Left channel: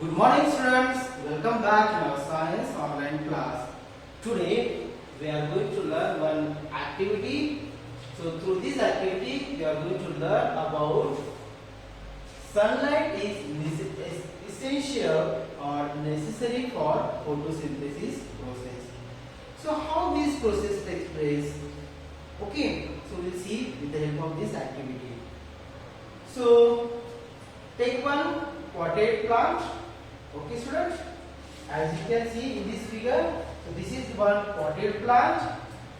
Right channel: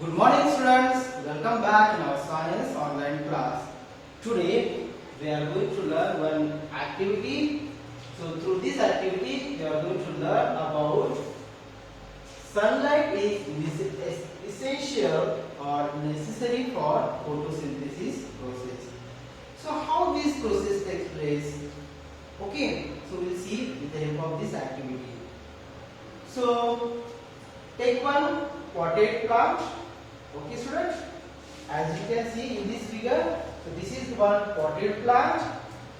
Good morning students, welcome back in our science online class. Today we are going to learn one activity. So through this activity we are going to learn about sunlight is essential or necessary for photosynthesis process. So how this process takes place? Okay, so we'll see with the help of this activity. So take one potted plant. Okay students, as you can see in this figure, so this is one potted plant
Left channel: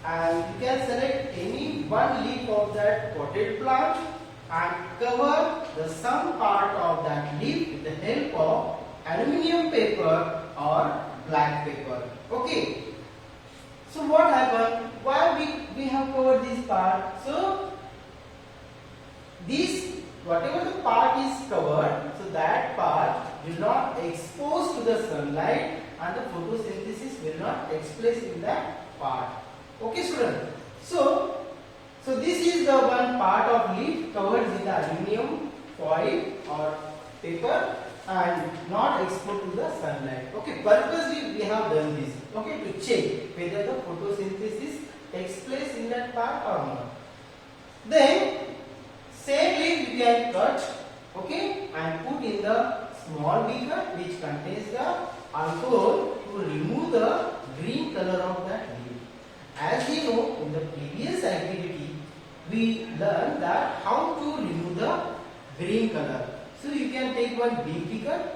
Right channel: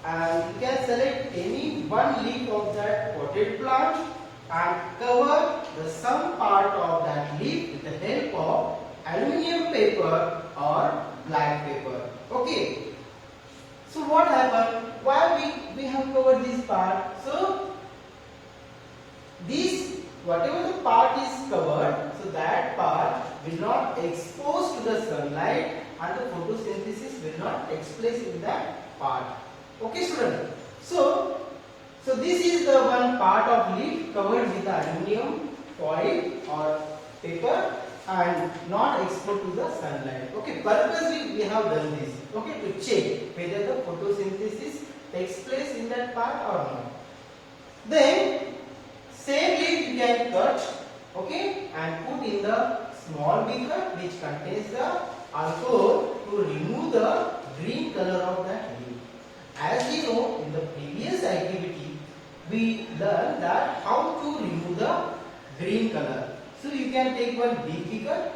and you can select any one leaf of that potted plant and cover the some part of that leaf with the help of aluminium paper or black paper. Okay, so what happened? Why we have covered this part? So this whatever the part is covered, so that part will not expose to the sunlight and the photosynthesis will not take place in that part. Okay students, so this is the one part of leaf covered with aluminium foil or paper and not exposed to the sunlight. Okay, purposely we have done this, okay, to check whether the photosynthesis takes place in that part or not. Then same leaf you can cut, okay, and put in the small beaker which contains the alcohol to remove the green color of that leaf. As we know in the previous activity, we learned that how to remove the green color. So you can take one big beaker,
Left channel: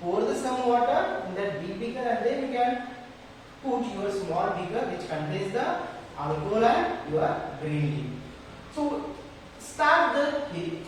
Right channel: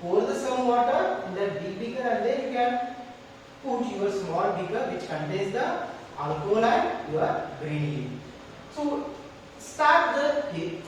pour the some water in that big beaker, and then you can put your small beaker which contains the alcohol and your green leaf. So start the heat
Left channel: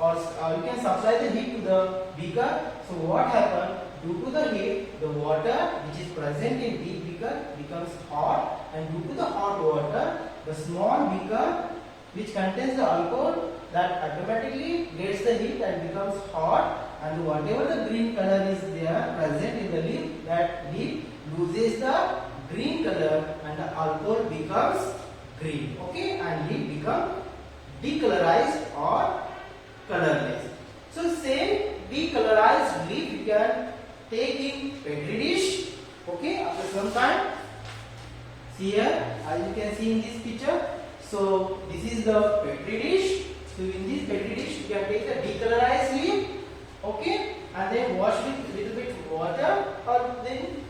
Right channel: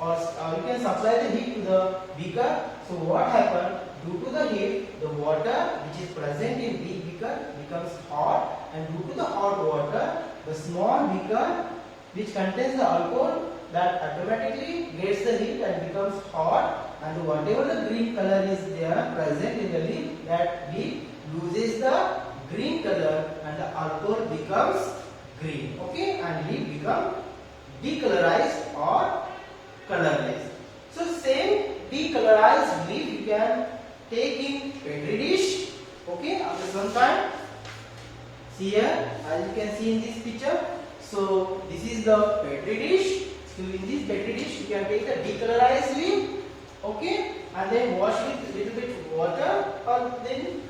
or you can supply the heat to the beaker. So what happens? Due to the heat, the water which is present in big beaker becomes hot, and due to the hot water, the small beaker which contains the alcohol that automatically gets the heat and becomes hot, and whatever the green color is there present in the leaf, that leaf loses the green color and the alcohol becomes green. Okay, and leaf becomes decolorized or colorless. So same decolorized leaf you can take in petri dish. Okay, after some time. See here, as you can see in this picture. So this is the petri dish. So in this petri dish you can take the decolorized leaf. Okay, and then wash with little bit water, or then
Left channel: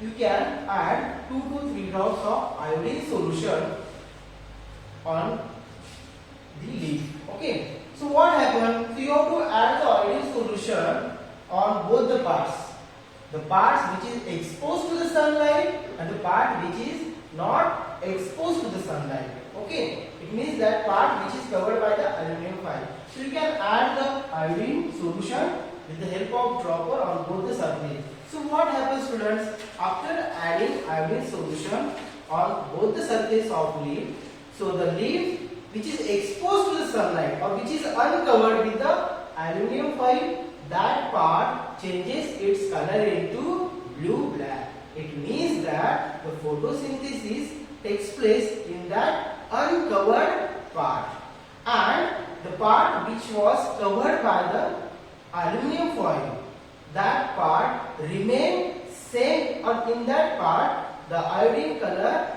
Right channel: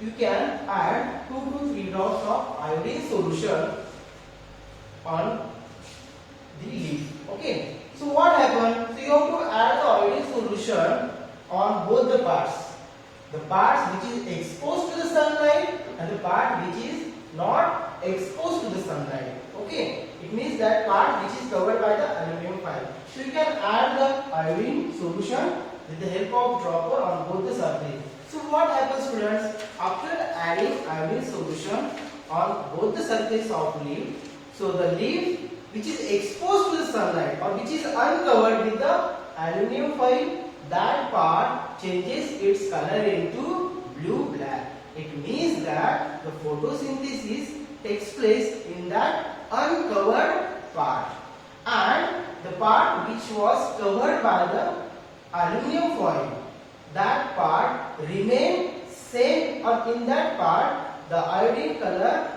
you can add 2 to 3 drops of iodine solution on the leaf. Okay, so what happens? So you have to add the iodine solution on both the parts. The parts which is exposed to the sunlight and the part which is not exposed to the sunlight. Okay, it means that part which is covered by the aluminum foil. So you can add the iodine solution with the help of dropper on both the surface. So what happens students? After adding iodine solution on both the surface of leaf, so the leaf which is exposed to the sunlight or which is uncovered with the aluminium foil, that part changes its color into blue-black. It means that the photosynthesis takes place in that uncovered part, and the part which was covered by the aluminium foil, that part remain same, or in that part the iodine color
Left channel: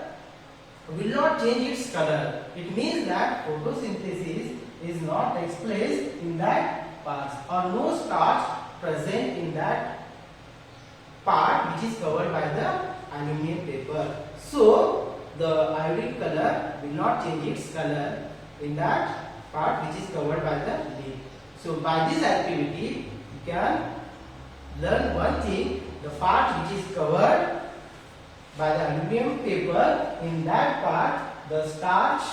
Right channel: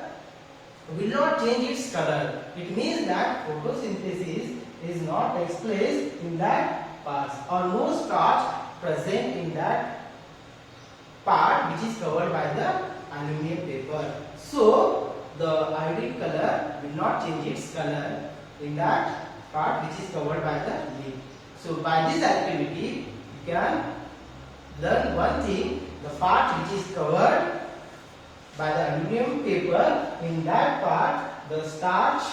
will not change its color. It means that photosynthesis is not takes place in that part, or no starch present in that part which is covered by the aluminium paper. So the iodine color will not change its color in that part which is covered by the leaf. So by this activity you can learn one thing: the part which is covered by the aluminium paper, in that part the starch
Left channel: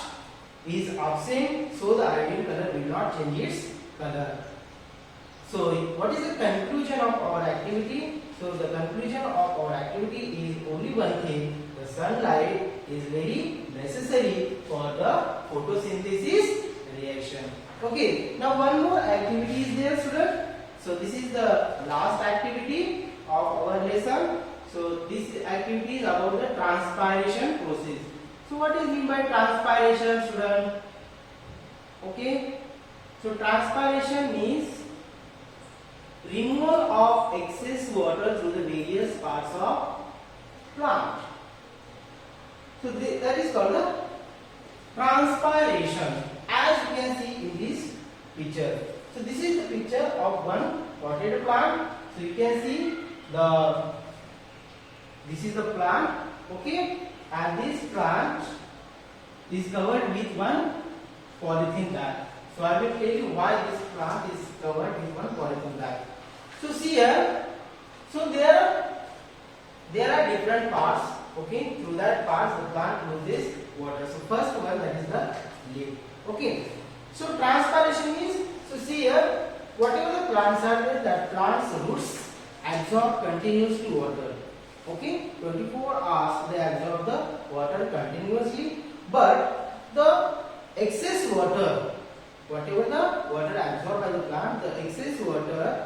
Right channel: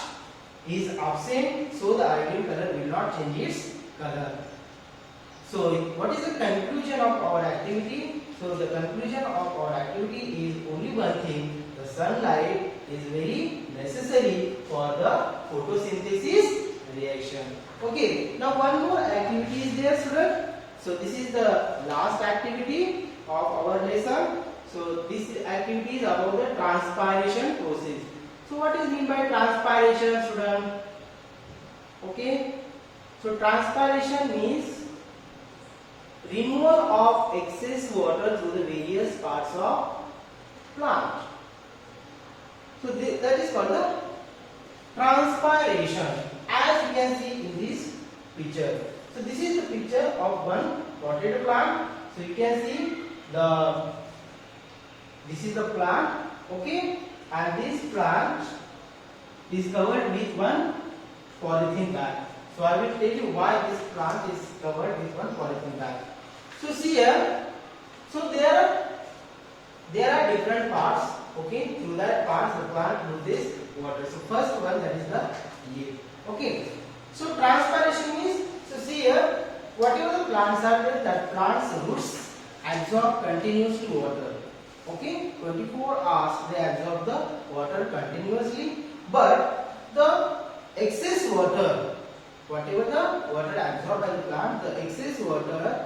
is absent, so the iodine color will not change its color. So what is the conclusion of our activity? So the conclusion of our activity is only one thing: the sunlight is very necessary for the photosynthesis reaction. Okay, now one more activity is there student. So this is the last activity of our lesson. So this activity is about the transpiration process. So what is mean by transpiration student? Okay, so transpiration means removal of excess water through the various parts of plant. So that is called the transpiration, as you can see in this picture. So this is the picture of one potted plant. So you can see this is the plant, okay, and this plant is covered with one polythene bag. So I will tell you why this plant is covered with one polythene bag. So see here, so there are different parts, okay. Through that parts the plant loses water. So first one, that is the leaf, okay. So transpiration is, so see here, whatever the plants are there, that plant's roots absorb continuously water, okay. 24 hours they absorb the water continuously, but the excess water, whatever the water absorbed by the plant, the excess water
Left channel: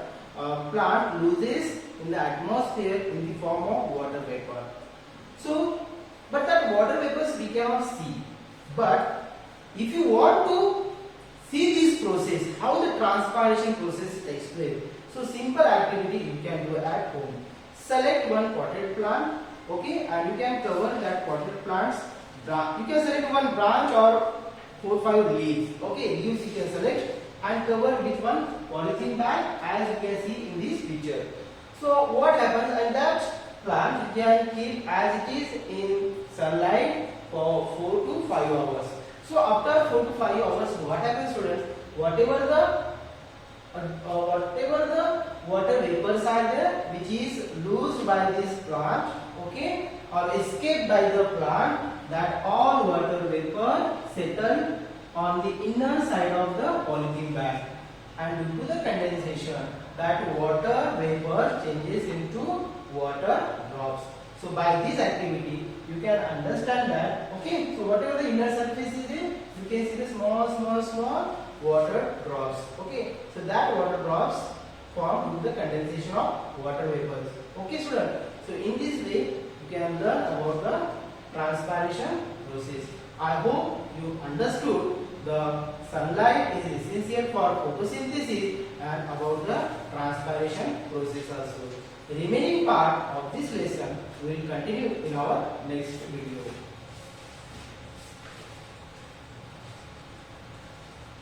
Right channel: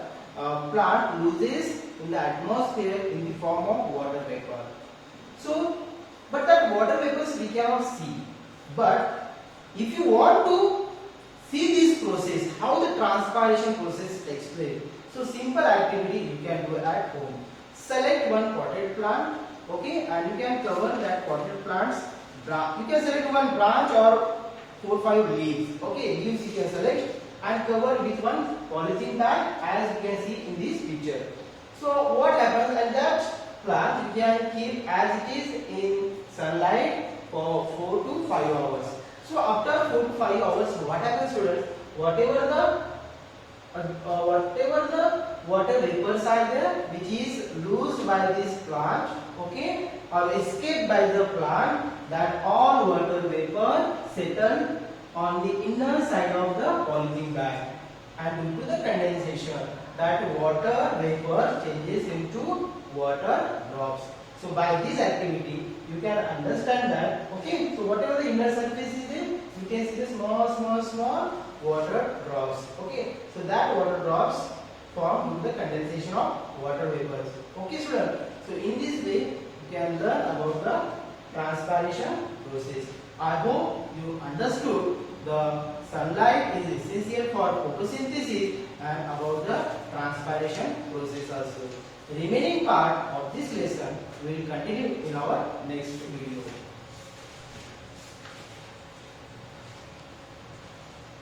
plant loses in the atmosphere in the form of water vapor. So, but that water vapors we cannot see. But if you want to see this process, how the transpiration process takes place, so simple activity you can do at home. Select one potted plant, okay, and you can cover that potted plant's branch. You can select one branch or 4-5 leaves, okay, leaves you can select and cover with one polythene bag, as you can see in this picture. So what happens at that plant, you can keep as it is in sunlight for 4 to 5 hours. So after 4 to 5 hours, what happens, students? Whatever the water vapors are there, which is loosed by this plant, okay, or escaped by the plant, that all water vapor settle on the inner side of the polythene bag, and due to the condensation, that water vapor changes into water drops. So by this activity you can understand that, okay, so whatever the inner surface is there, you can see the small water drops, okay. So that water drops form due to the condensation of water vapors, okay student. So in this way you can learn about the transpiration process. I hope you understood the sunlight is essential for photosynthesis and about the transpiration process also. The remaining part of this lesson we will continue in our next video.